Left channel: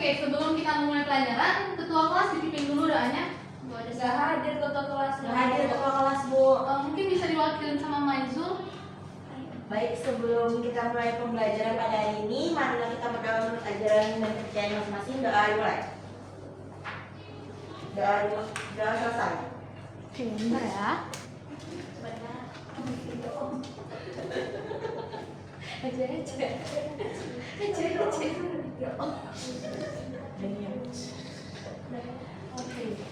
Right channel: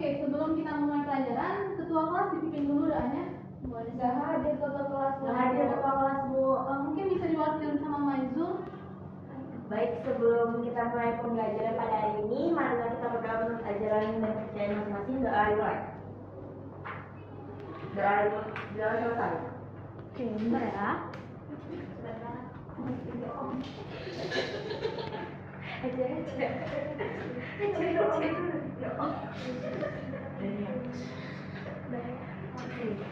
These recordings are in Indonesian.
Oke, sebelum kita mulai pelajaran, ketua kelas dipimpin dulu doanya. Gak hadir ketua kelas. Gak hadir ketua kelas, Bu. Mungkin bisa diwakilin sama Maizul. Baik, sebelum kita mulai pembelajaran pada hari ini, marilah kita berdoa menurut ajaran dan kepercayaan masing-masing. Doa dimulai. Doa selesai. Oke, bentar ya.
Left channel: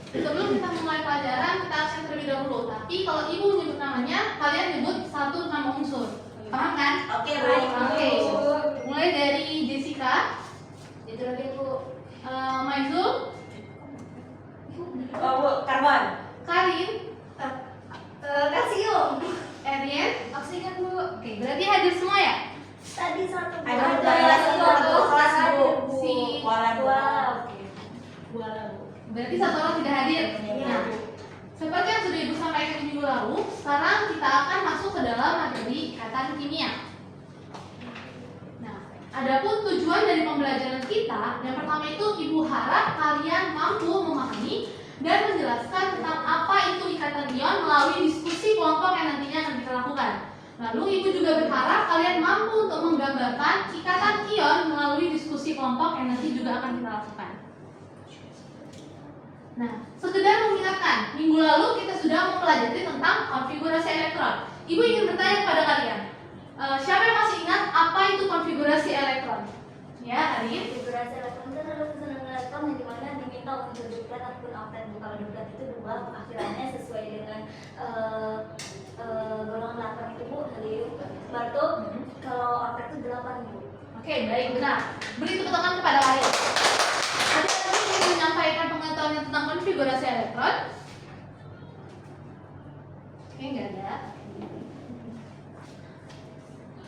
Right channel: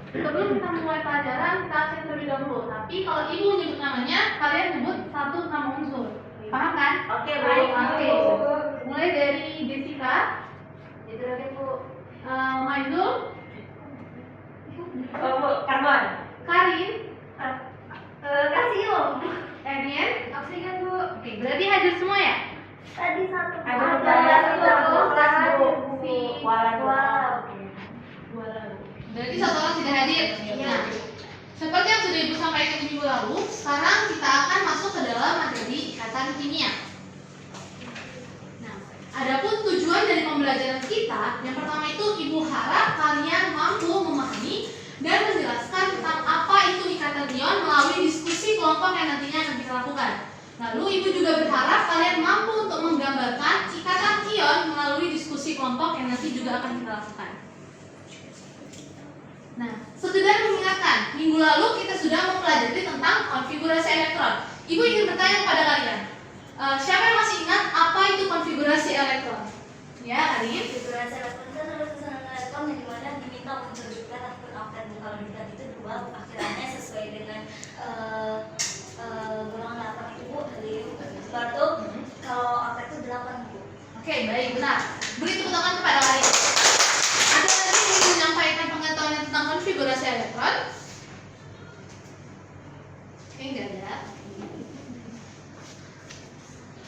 Sebelum kita mulai pelajaran, kita absen terlebih dahulu. Tapi kalau ibu menyebut namanya, kalian nyebut satu nama unsur. Paham kan? Oke, baik. Oke. Mulai dari Jessica. Itu lagi Bu. Maizul. Oh, Bu, Karman. Karin. Kasih Om. Erien. Oksigen Bu. Oke, berarti hadir semua ya? Tadi satu. Ada ketua kelas, Bu. Si Walan. Oke. Berarti satu orang tidak hadir. Nah, seperti yang sudah Ibu sampaikan di minggu lalu, sekarang kita akan masuk ke dalam materi ikatan kimia. Nah, adapun tujuan dari pembelajaran kita, yang pertama itu Ibu harap kalian mampu memahami dan menjelaskan tentang apa itu ikatan ion melalui diskusi kelompok yang nantinya akan kita lakukan. Lalu Ibu juga berharap kalian mampu untuk menggambarkan ikatan ion melalui diskusi kelompok yang nanti juga akan kita lakukan. Nah, sekedar mengingatkan, minggu lalu kita sudah mempelajari tentang konfigurasi elektron. Ibu ingin bertanya kepada kalian, siapa yang masih ingat apa itu konfigurasi elektron? Ya, Karin. Konfigurasi elektron itu adalah susunan elektron yang dimana diminta unsur duplet ataupun oktet. Kalau duplet itu 2, akhirannya sesuai dengan golongan 8 itu Bu. Lalu kalau oktet itu 8 Bu. Oke, baik, benar. Beri tepuk tangan kepada kalian. Ada lagi yang ingin menyampaikan pengetahuan tentang konfigurasi elektron? Oke, nggak ada.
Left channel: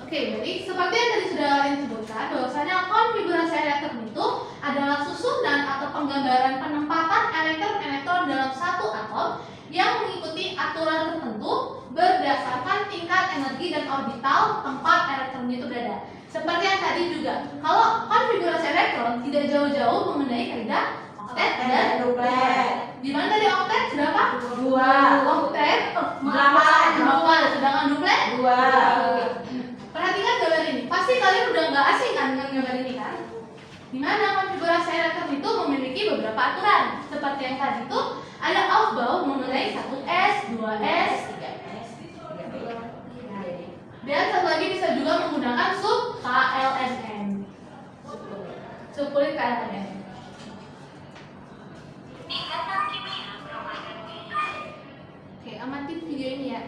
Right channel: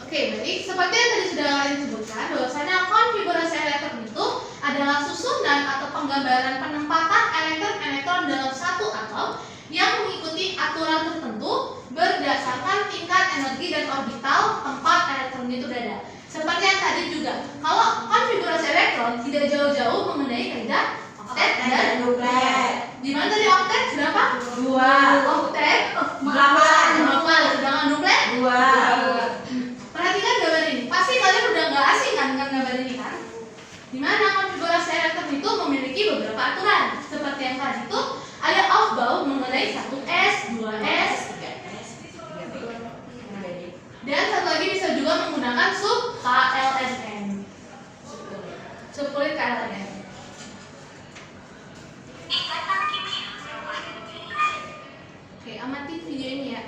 Oke, baik. Seperti yang tadi sudah kalian sebutkan, bahwasanya konfigurasi elektron itu adalah susunan atau penggambaran penempatan elektron-elektron dalam satu atom yang mengikuti aturan tertentu berdasarkan tingkat energi dan orbital tempat elektron itu berada. Seperti yang tadi juga, kalau konfigurasi elektron tidak jauh-jauh mengenai kaidah oktet dan duplet. di mana tadi oktet berapa? 2. Oktet 8, sedangkan duplet 2. Perhatikan gambar ini. Pasti kalian udah nggak asing kan dengan gambar ini kan? Di mana konfigurasi elektron itu memiliki beberapa aturan. Seperti yang tadi itu ada aufbau mengenai 1s, 2s, 3s. Dan satu lagi bisa juga menggunakan sub KLNN. Subkulit KLNN. Oke, amati video ini ya.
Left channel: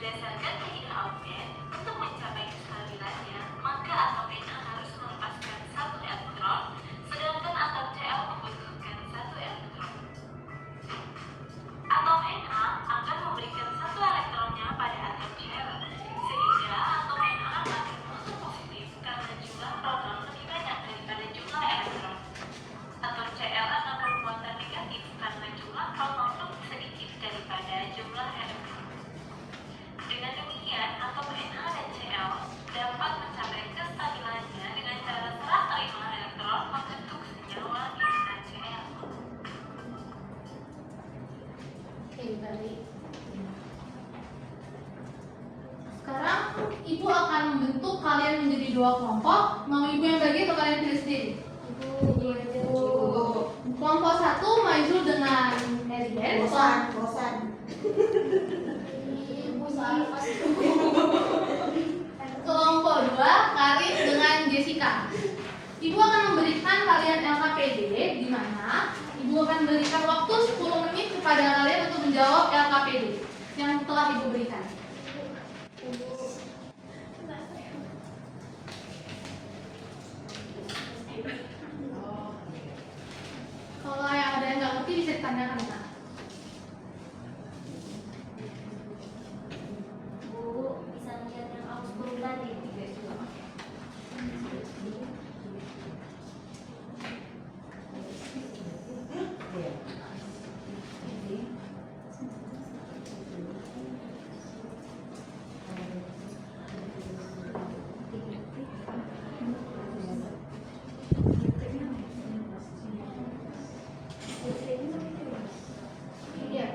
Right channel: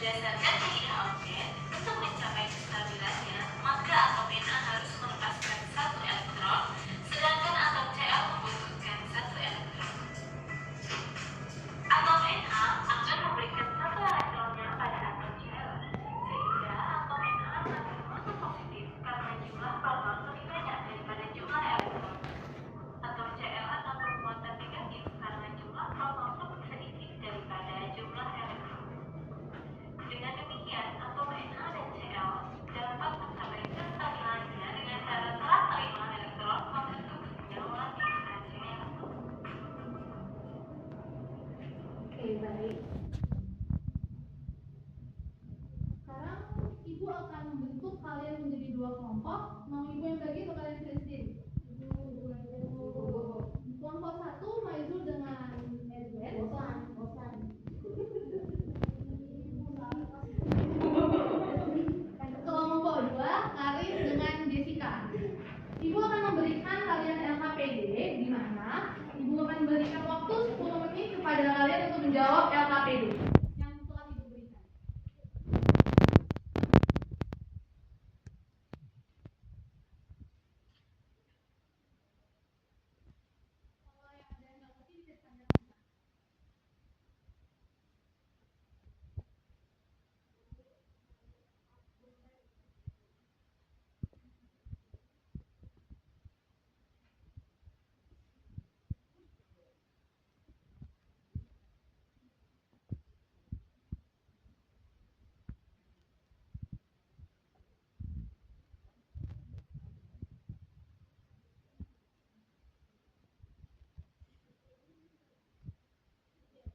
Berdasarkan kaidah Auken, untuk mencapai kestabilannya, maka atom Na harus melepaskan satu elektron, sedangkan atom Cl membutuhkan satu elektron. Atom Na akan memberikan satu elektronnya pada atom Cl, sehingga atom Na akan bermuatan positif karena jumlah proton lebih banyak daripada jumlah elektron. Atom Cl akan bermuatan negatif karena jumlah proton lebih sedikit daripada jumlah elektron. Dengan demikian, atom Na dan Cl dapat mencapai kestabilannya dengan cara serah terima elektron membentuk senyawa NaCl. Oke, baik. Sekarang ibu akan membentuk kalian menjadi dua kelompok. Mau ibu yang bagi atau kalian pilih sendiri? Kelompok satu Maizul dengan Erien. Bosan. Kelompok dua Karin dengan Jessica. Ibu akan memberikan kalian LKPD, di mana ibu akan berikan waktu 10 menit kepada kalian untuk menjawab LKPD yang telah ibu berikan. Kalau yang ada yang nggak ngerti bisa ditanyakan, Kak. Bu, bisa lihat yang aku sebelum tadi. Iya.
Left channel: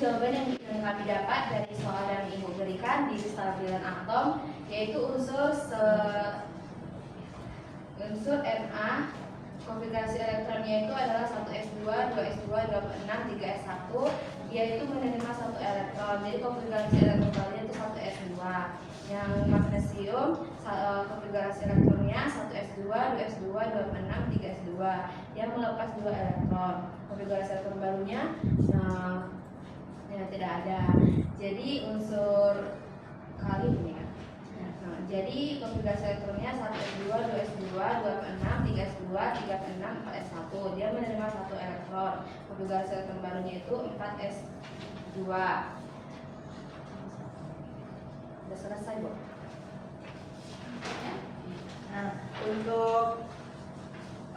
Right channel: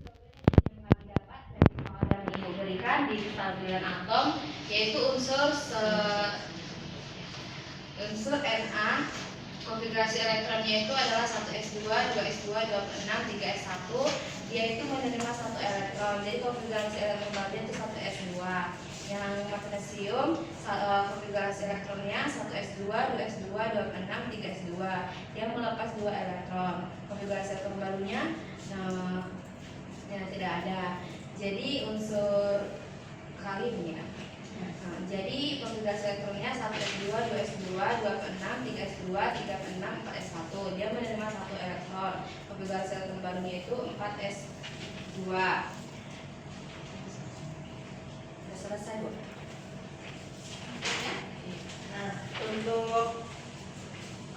jawaban yang kami dapat dari soal yang Ibu berikan di stabilan atom, yaitu unsur Na, konfigurasi elektronnya itu adalah 1s2, 2s2, 2s6, 3s1. Dia itu menerima 1 elektron. Jadi konfigurasi elektronnya itu 1s2. Yang magnesium konfigurasi elektronnya 1s2, 2s2, 2s6, 3s2. Dia melepas 2 elektron. Konfigurasi elektron barunya tidak ada. Jadi unsur kali ini ya. Jadi konfigurasi elektronnya 1s2, 2s2, 2s6, 3s2, 3s6, 4s1. Dia menerima 1 elektron. Konfigurasi elektron barunya itu 4s2. Sudah selesai, Bu. Nah, untuk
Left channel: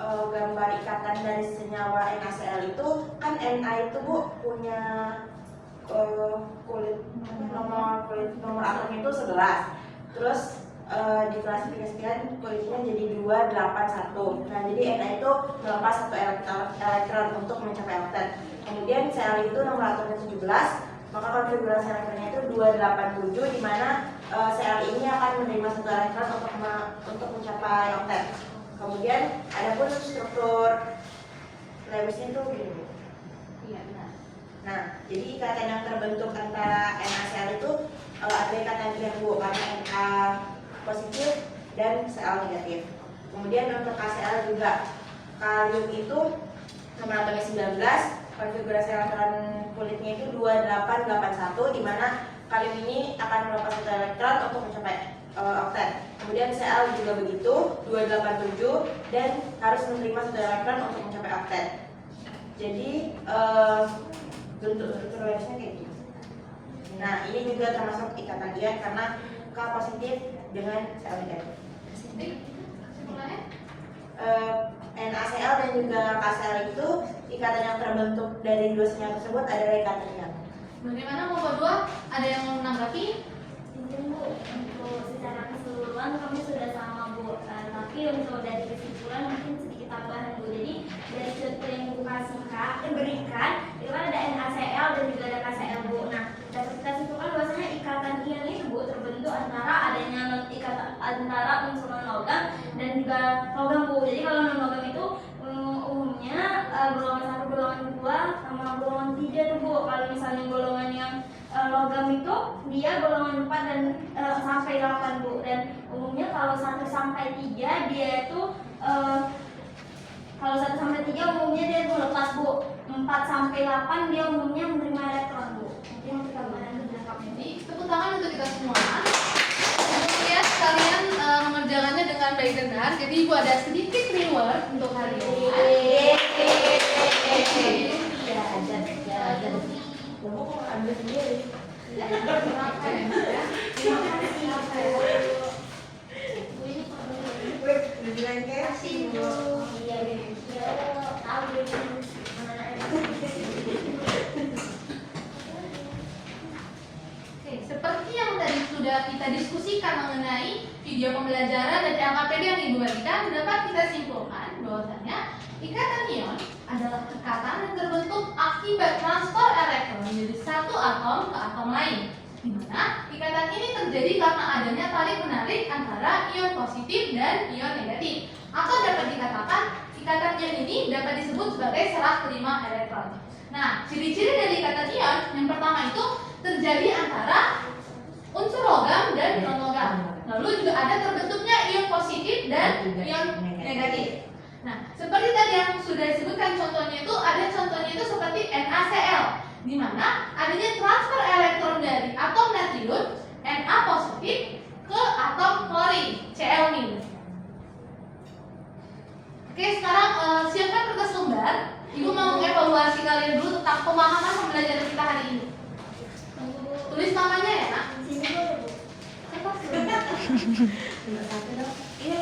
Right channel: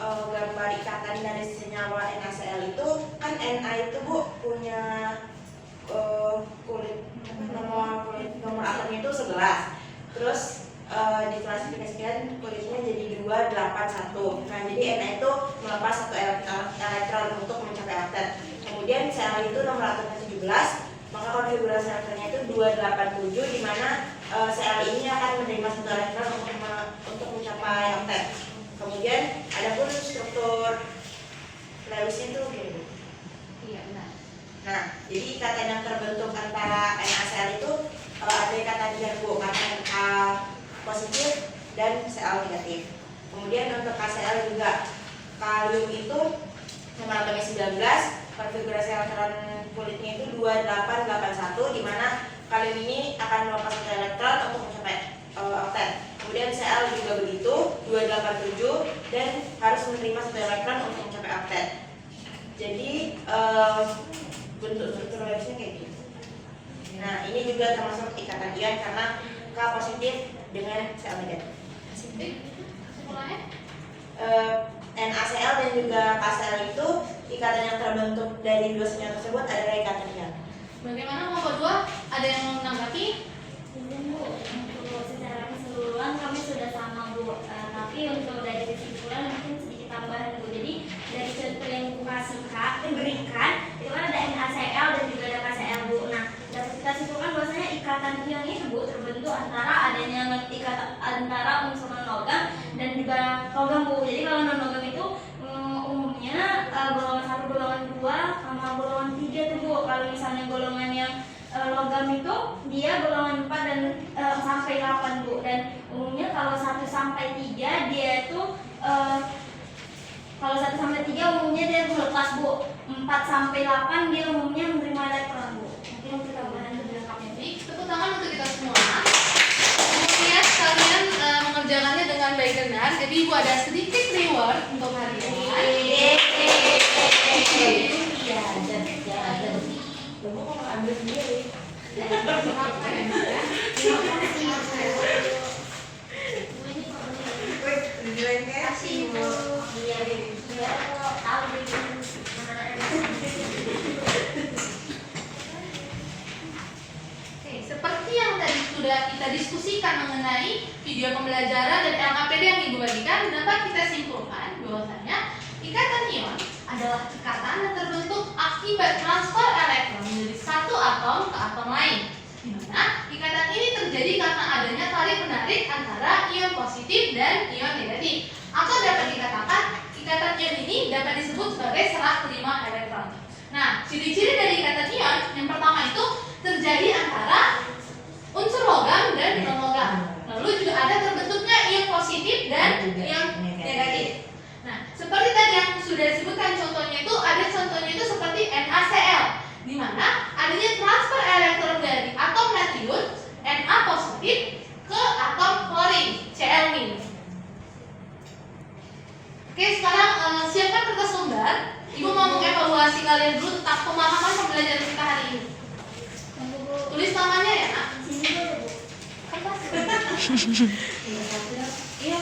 gambar ikatan dari senyawa NaCl itu kan Na itu Bu punya nomor atomnya itu 11. Terus diklasifikasikan kulitnya jadi 281. Nah, jadi Na itu melepas 1 elektron untuk mencapai oktet. Kemudian Cl itu nomor atomnya 17, maka konfigurasi elektronnya itu 287, di mana Cl ini akan menerima 1 elektron untuk mencapai oktet. Kemudian adapun struktur Lewisnya itu begini. Iya, benar. Nah, jadi ikatan yang terbentuk antara NaCl itu ada ikatan Bu, karena Na positif dan Cl negatif. Kemudian untuk KCl juga, kalium itu nomor atomnya 19, konfigurasi elektron kulitnya itu 2881, di mana kalium ini akan melepas 1 elektron untuk mencapai oktet. Kemudian Cl juga begitu, 287, dan harus menerima 1 elektron untuk mencapai oktet. Jadi bentuk Lewisnya kayak gini. Nah, ini juga termasuk ikatan ion karena K positif dengan Cl negatif. Kesimpulannya? NaCl dan juga KCl itu ikatan yang terbentuk dari 2 senyawa tersebut adalah ikatan ion. Bagaimana kelompok 2? Ada yang mau menanggapi? Mungkin Bu, untuk secara keseluruhan kami sudah sama Bu, tapi untuk dari kesimpulan mungkin sedikit tambahan Bu. Jadi dari contoh yang Bu berikan itu kan ada NaCl dan juga ada KCl Bu. Nah, dapat kita simpulkan bahwasanya ikatan ion itu Bu terbentuk antara adanya ikatan antara unsur non-logam dan juga logam Bu. Jadi kalau non-logam itu umumnya golongan 1, golongan 2 sama golongan 3 tuh Bu. Kalau misalnya golongan yang logam itu dia golongan 4 dan sampai 8 Bu. Dan umumnya kalau 1 sampai 3 dia itu kalau 1 sampai 3 umumnya dia melepas Bu. 4 sampai 8 dia umumnya menerima elektron Bu. Mungkin untuk tambahan lebih lengkapnya. Baik, tepuk tangan untuk kita semua. Kemudian kalian mengerjakannya dengan baik dan benar. Jadi Ibu ada sedikit reward untuk kalian. Kamu kok ambil sendiri? Oke, seperti yang tadi sudah kita diskusikan mengenai video pembelajaran dan LKPD yang Ibu bagikan, dapat kita simpulkan bahwasanya ikatan ion adalah ikatan yang terbentuk akibat transfer elektron dari satu atom ke atom lain, di mana ikatan ini terjadi karena adanya tarik menarik antara ion positif dan ion negatif. Atau dapat dikatakan ikatan ion ini dapat disebut sebagai serah terima elektron. Nah, ciri-ciri dari ikatan ion yang pertama itu terjadi antara unsur logam dan non logam. Lalu juga ada terbentuknya ion positif dan ion negatif. Nah, seperti tadi yang sudah disebutkan contohnya itu seperti NaCl, di mana adanya transfer elektron dari atom natrium Na positif ke atom klorin Cl-. Oke, sekarang siapkan kertas lembar. Ibu mau mengevaluasi kalian dulu tentang pemahaman pembelajaran kita hari ini. Tulis namanya ya, Nak. Sini dulu Bu. Kertas. Iya.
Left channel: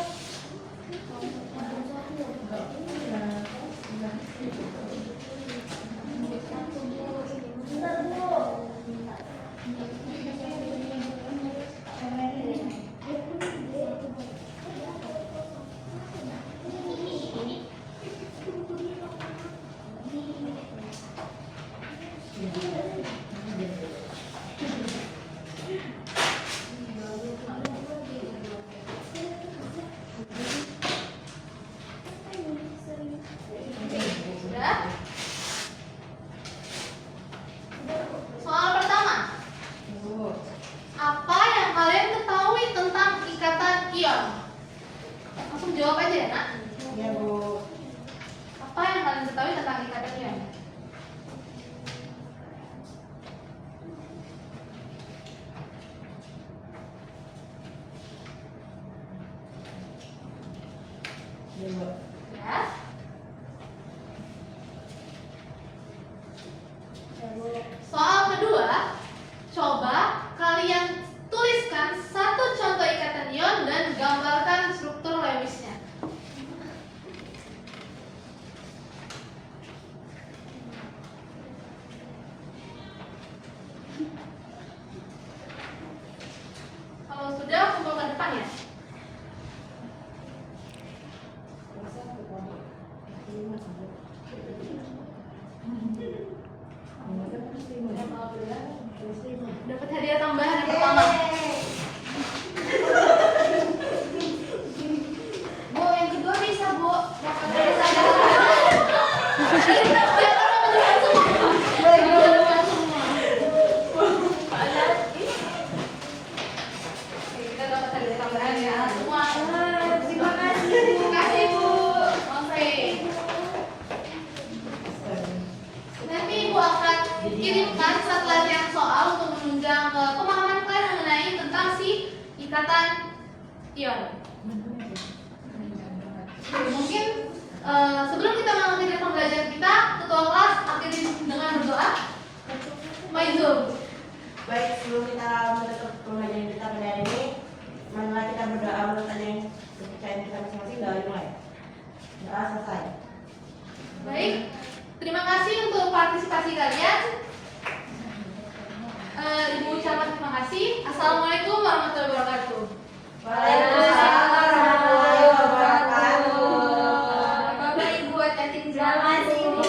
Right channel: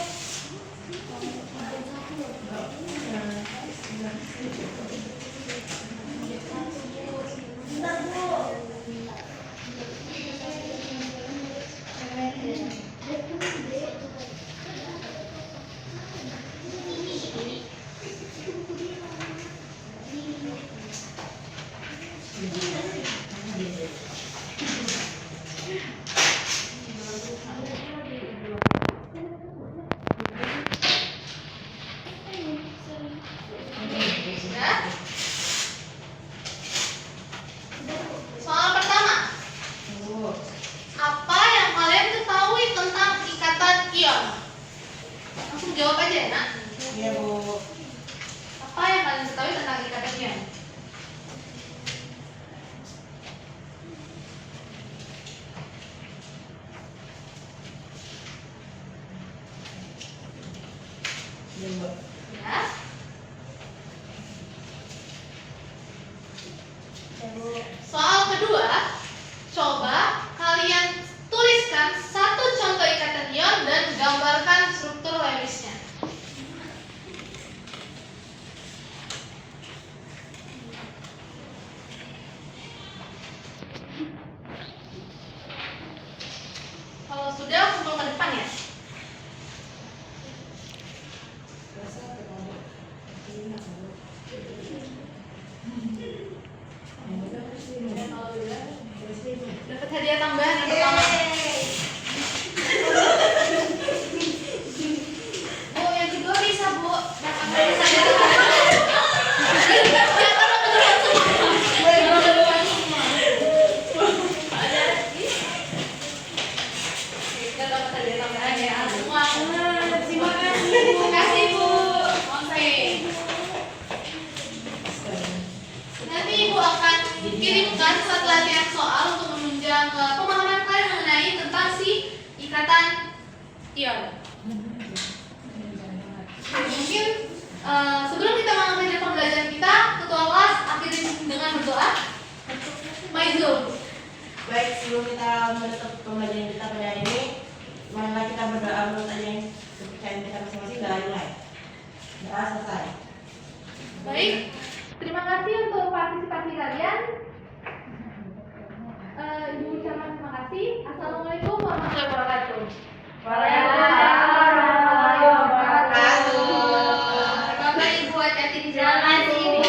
jawab aja ya, Nak. Iya, Bu. Apa yang kalian ketahui tentang ikatan ion? Iya, Bu. Ya. Soal kedua, coba kalian tuliskan satu contoh ikatan ion dan gambarkan struktur Lewisnya. Kalau sudah, kumpul ke depan ya. Dapat hadiah tambahan yang pertama. Bu, yang kedua bisa, Bu. Dapat hadiah tambahan. Kita dapat hadiah tambahan ya semua. Terima kasih, Bu. Terima kasih, Bu. Oke. Nanti Ibu akan kirimkan satu latihan soal untuk menunjang pemahaman kalian mengenai tentang si ikatan ion. Mungkin sebelum kita mengakhiri pembelajaran kita, ketua kelas akhiri dengan berdoa. Maizul. Baik, sebelum kita menutup pembelajaran kita pada hari ini, marilah kita berdoa menurut aja yang kepercayaan kita masing-masing. Doa mulai. Doa selesai. Baik, terima kasih untuk partisipasi kalian. Ibu ucapkan terima kasih. Assalamualaikum warahmatullahi wabarakatuh. Waalaikumsalam warahmatullahi wabarakatuh. Bapak Ibu hati-hati di jalan. Selamat